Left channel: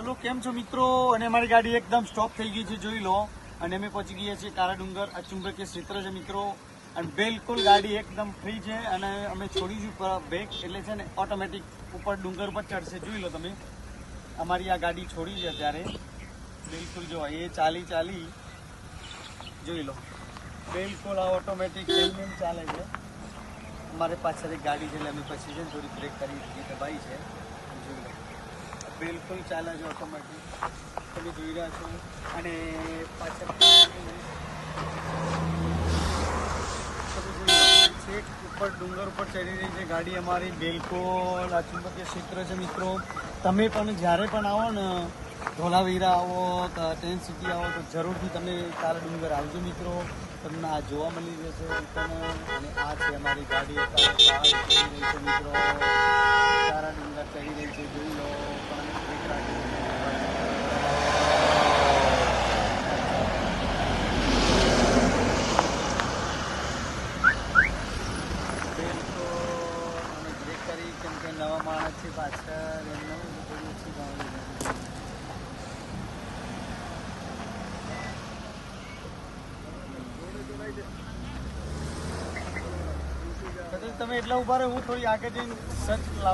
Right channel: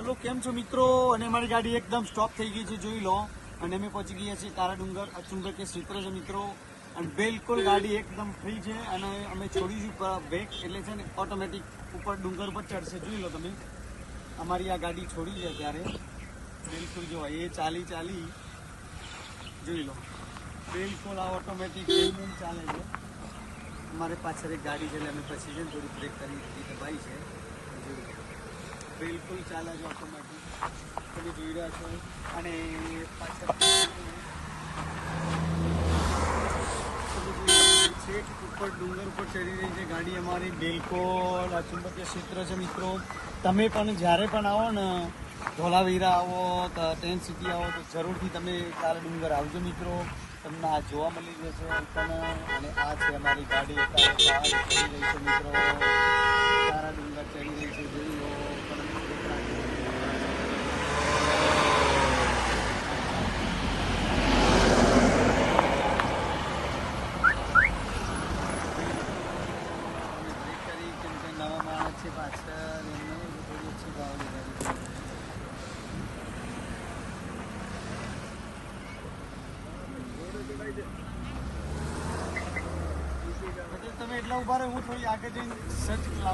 Hello, કેમ છો મિત્રો? અને અમારી ગાડી એકદમ સ્ટોપ થઈ ગઈ છે, જોઈ લો. અને અમે પહોંચી ગયા છીએ કાળા ડુંગર. આ ચુંબકીય ક્ષેત્ર છે મિત્રો, અને બિલકુલ ગાડી એકદમ ફ્રી છે. અને અમે છોડીશું બ્રેક, એટલે છે ને ઓટોમેટિક ઉપર ડુંગર પર ચડશે. જોઈ લો તમે, અમારી આ ગાડી છોડી છે અત્યારે. બિલકુલ જો એ ચાલી જોઈ લો, બિલકુલ આ ઓટોમેટિક ચાલે છે. અમારે પાછળ એક ગાડી છે, એટલે અમે પછી છે ને થોડી બ્રેક કરી દબાઈ છે. જોઈ લો, બિલકુલ ચાલે છે ઓટોમેટિક, તમે જોઈ રહ્યા છો. અને પાછળ છેક ઉપર ડુંગર ઉપર ચડી રહી છે ગાડી અમારી. બિલકુલ આ ચુંબકીય ક્ષેત્ર છે મિત્રો. તમે પણ જ્યારે પણ આવો ને, ધોલાવીરા આવો, ટેન્ટ સિટી આવો, તો જરૂરથી તમે કાળા ડુંગર આવજો મિત્રો. તમને આ જોવા મળી જશે તને. અને આ છે અમારી ગાડી અત્યારે ચડી રહી છે મિત્રો, કાળા ડુંગર ચડી રહી છે, જોઈ લો. પણ અમે બ્રેક રાખી કેમ કે નવા માણસ છે પાછળ, એમને થોડી ઓછી ભાવની તમે એટલા ઉભા રહો, હું થોડી આગળ જઈને સર્ચ લાવું.